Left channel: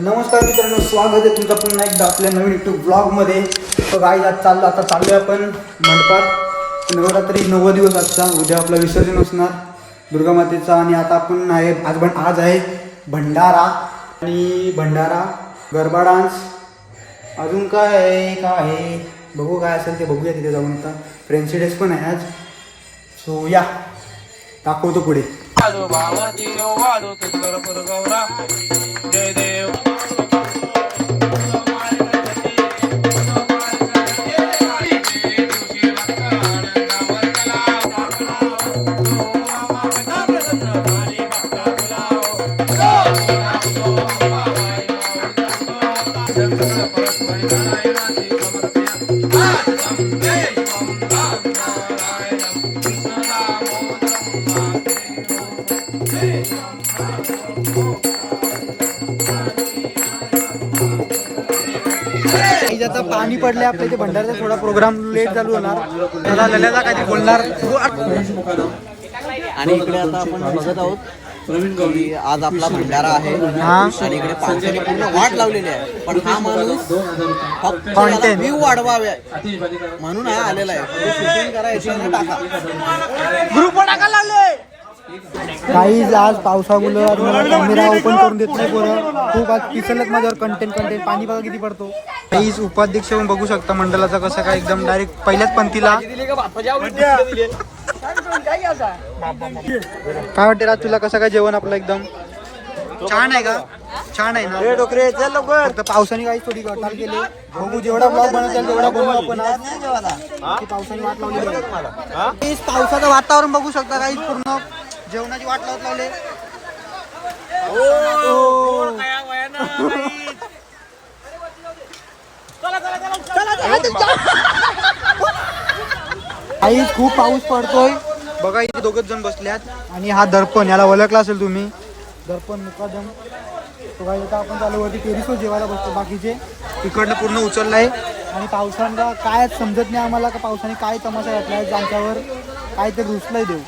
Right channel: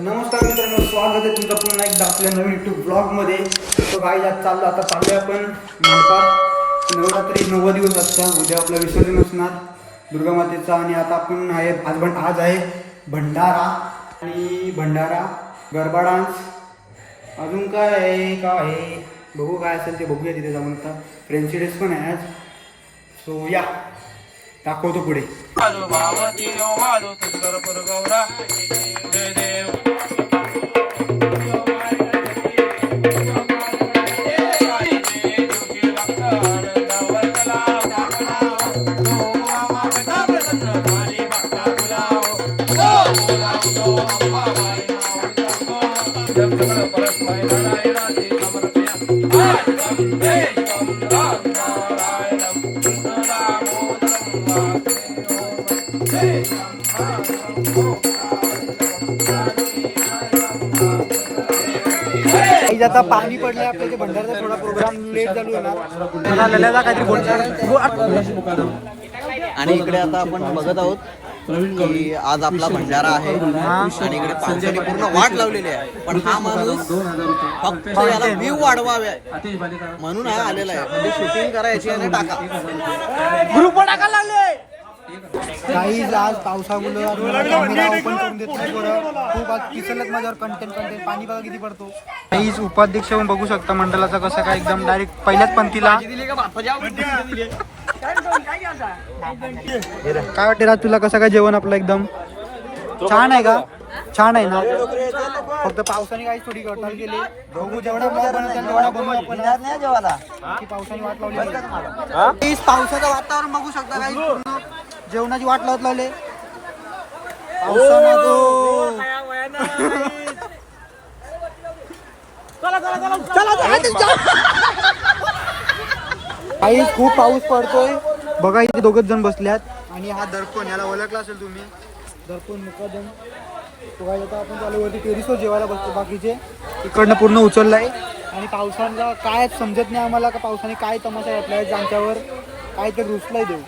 नमस्कार मित्रांनो स्वागत आहे तुमचं पुन्हा एकदा आपल्या नवीन युट्यूब ब्लॉगमध्ये तर गाईज आज चाललो आता चालूया आपण मंडपात. नवरात्री नऊ दिवस आजचा उद्या आपलं विसर्जन असणार दुर्गामातेचा आणि आता आपण आहे आज पण आज आहे भंडारा. आणि भंडारा गरबा डान्स अजून काय आहे काय आहे? बघू काय असेल ते बघूया तिथे जाऊन आता. फ्रेंडसी डेस पण आहे आज. सो या. दाखवतो पुढे. जय देव. आता पाणी पडले आपल्या इथे भंडारचा थोडा प्रोग्राम लेट चालू होणार. मला लल्याचा काहीतरी बोलणार. आणि इकडे आता आपण बघत आहोत की आज आपला भंडारा आहे. आणि इकडे पावसाने पूर्ण वाट लावलेली आहे पण हा माणूस फक्त याला. व्ह्यू वाढवावे. म्हणून हा आलेला आहे म्हणजे शूटिंग करायची टाका ग्रुप टाका लागले काही आज पावसामुळे कॅमेरा ओपन करून देत नाही पोरं. खूप आज पिसलत माझ्यावर कंटेंट कंटेंट पाणी बघा किती पडतो. काहीच उपाध्यक्ष पण बघू शकता मंडळाचा कसं काय एकदम डायरेक्ट पहिल्याच पंक्तीला. काय वाटते राज तुला कसं काय जेवण आपलं एकदम? छान आहे का? छान आहे ना? फक्त पावसाने काही थोडी गटाल केले. बघू जेवढा ब्लॉग बनवता तेवढा बनवू आपण आज. की पावसाने वाट. काहीच पावसाचं वातावरण बघू शकता काही पूर्ण. जेवणाची वाट लावत लावले. काही खूप पाऊस पडतोय. बघा इथे दोघच जण बसल्यात. आणि हा दर्पण याला ओळखला असेल तुम्ही. दर्पण मुकादम इथं आपण चालू वरती टेरिसवर जेवायला बसतो बाकीचे. इकडनं पूर्ण उचललाय. आणि पावसानं काय समजत नाही आम्हाला का पावसाने काय तमाशा घातलाय ज्यांच्यावर काय ते रुसलंय देऊ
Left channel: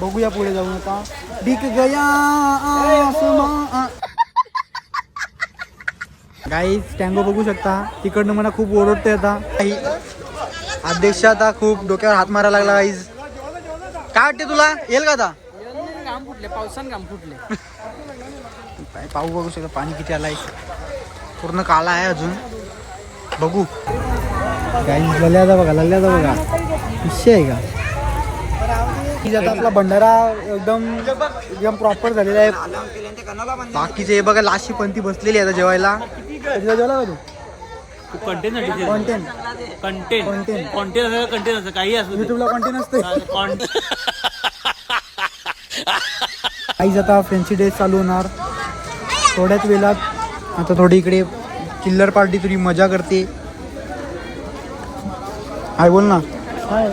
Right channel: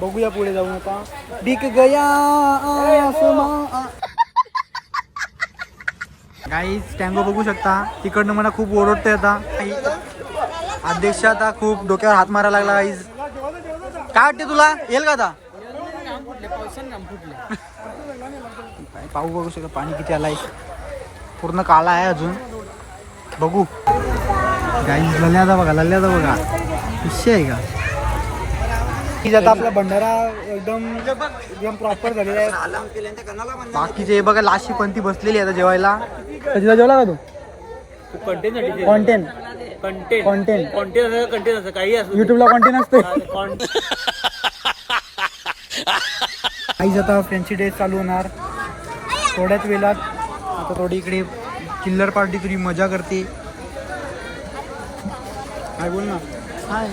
बघूया पुढे जाऊन आता. डिक गया आसमां. टँगो बघू शकता. तिकडनं मला खूप ओरडते आता. काही अध्यक्ष आता खूप डोक्यावर हात मारायला लागला गाईज काय वाटते तुला? येईल का आता? फुटले पाहू बघू शकता. पाणी किती आलाय. पूर्ण काला आहे अजून. बघू. गाईं लल्या जा बघा लल्याचा बघा. विषय आहे का? की आता आपला भंडारा एकदम एकदम प्रॉपर झालेला आहे. बाकीचे हे बघा लाशी पंथी बसलेली आहे आता जेवायला. तिला जेवला का तू? Content content content content content content असं काही असू युट्यूबला कॉन्टेंट असते काहीच आता फ्रेंडशी डेज चालू होणार. थोड्याच वेळात आता थोडी इकडे किल्लर पार्टी थोडी मजा करते. हाय बोल ना. हाय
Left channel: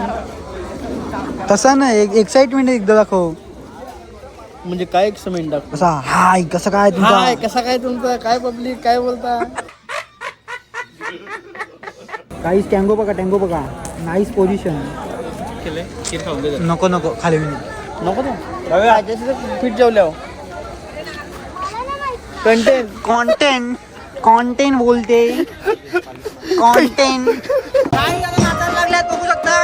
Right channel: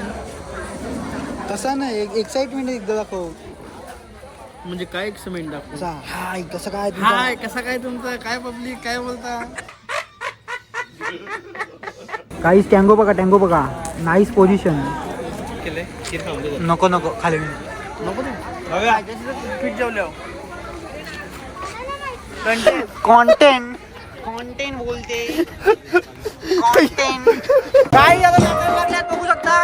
तसा नाही एक एक्साइटमेंट एकदा दाखव. म्हणजे काय एक्समेंट दाखव? कसा हाय कसं काय तुमचा? हाय कसा काय तुमचा? काय पब्लिक काय बोलता? काहीच टँगो बघा टँगो बघा. नाईस पोझिशन नको नको खाली नको ना. पीठ जेवल्या कंटेंट कॉन्टेंट कॉन्टेंट बोलते. कॉन्टेंट काही आता बघू शकता?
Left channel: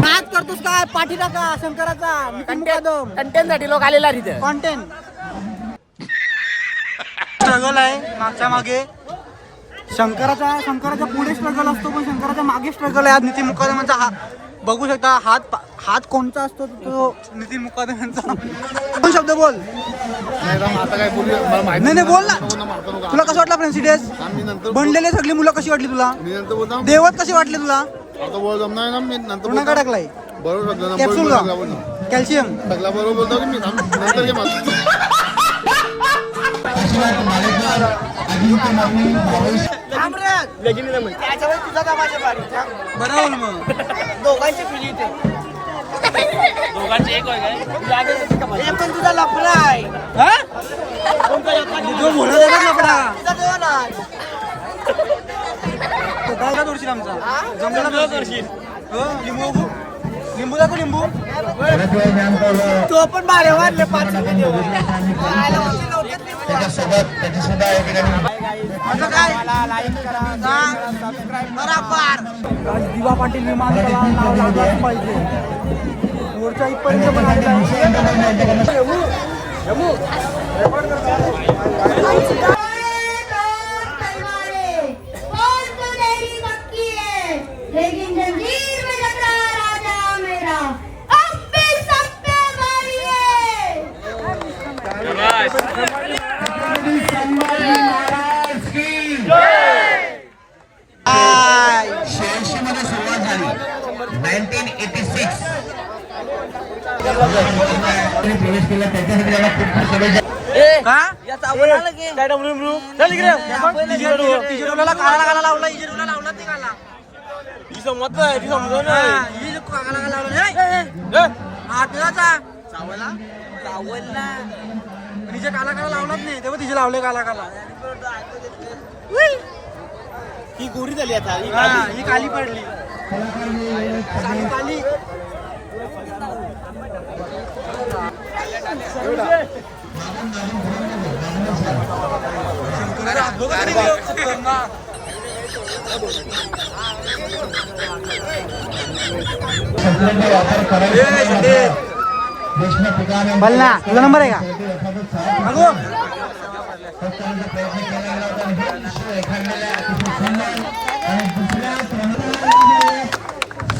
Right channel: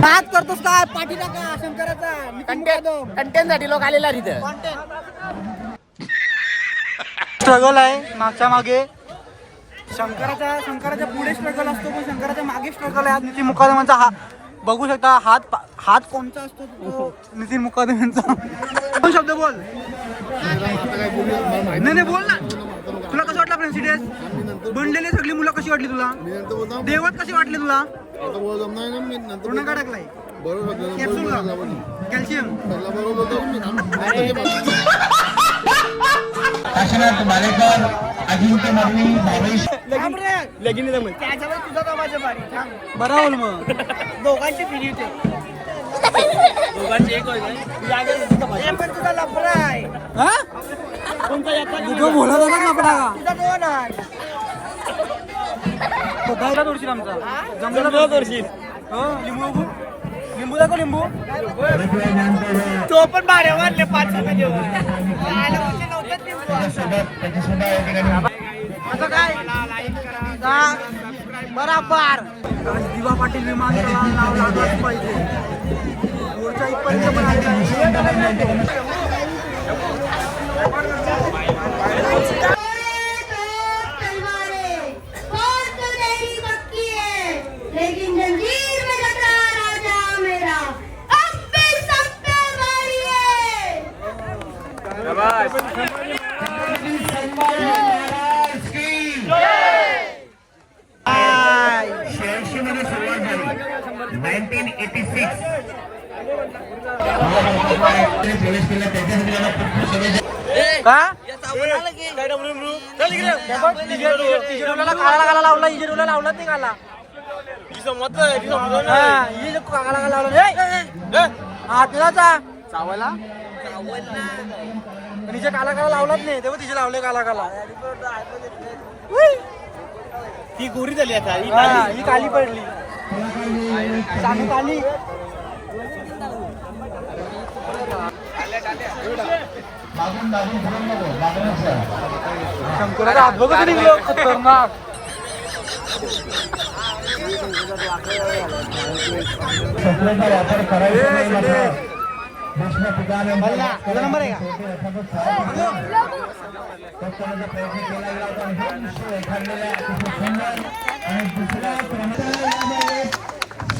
नाच करतोस काय? पाठी टाका शंकराचा कंटेंटसाठी लोक आलेला तिथं स्ट्रगल आहे मागच्या मागे. शंकराचा शंकराच्या पुढे स्ट्रगल असतो पण शंकराच्या मागे स्ट्रगल आहे. आज नितीन मुकादमांचा हा बघू शकता हात पा- हात कोणता असतो तो नितीन मुकादम यांचा? दोन शब्द बोल? आता काय बोलू? मला माहिती नाही नाही बोल ना. तुला कसं वाटलं मी नंतर बनलेले सगळी मुलं कशी वाटली तुला? मी नंतर बोलतो. देवत कशी वाटली तुला? आता बोल जमणार ना मी नंतर. टाकलाय बरोबर सगळं ना, कॅप्सूल बरोबर का सगळं बोलतो. कॅल्शियम सगळं बरोबर बोलतो की मी थांब, नंतर घे मला. बरं बोल मग जो बोलत आहे ना. तो आमचा. जमलेला तोडशील हो लिंबू लिंबू दाखव लिंबू. तो पण बारे वाढले पाच बराबर. दिवा पाटील विमानतळाला नाव लागलाच पाहिजे. मोर्चा इथपर्यंत पण आलेला आहे. का? तिजोरीला काळा काला लावला इजोरीला लावला. ते काला हा, ही. जो. काला काला हा चावला लावलाच नाही. तेव्हा तिचे लावले काला काला. ती गोरी झाली आता. ही हा, ही काली पडली. बोल ना तुझा नंबर आहे का?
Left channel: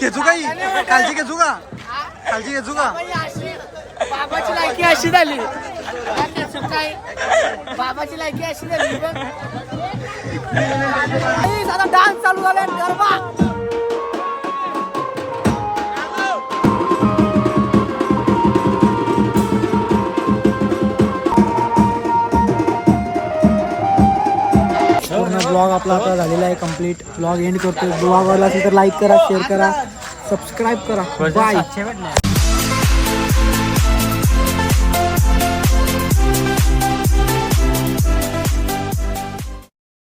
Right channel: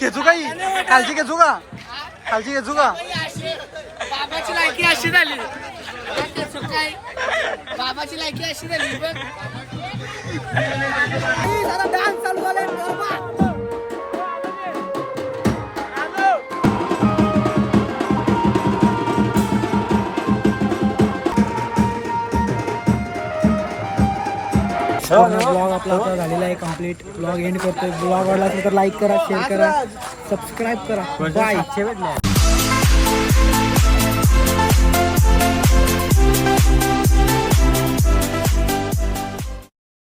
चलो काही खालची घेचू का? खालची घेचू का? बाबाची लायकी अशी झाली. काय? बाबाची लायकी अशी झाली बघ. डान्स चालू झाला गरबा. ब्लॉग आपला आता झालेला आहे कंप्लीट ब्लॉग एंड करतोय. ब्लॉग आवडला असेल तर लाईक करा शेअर करा सबस्क्राईब करा. बाय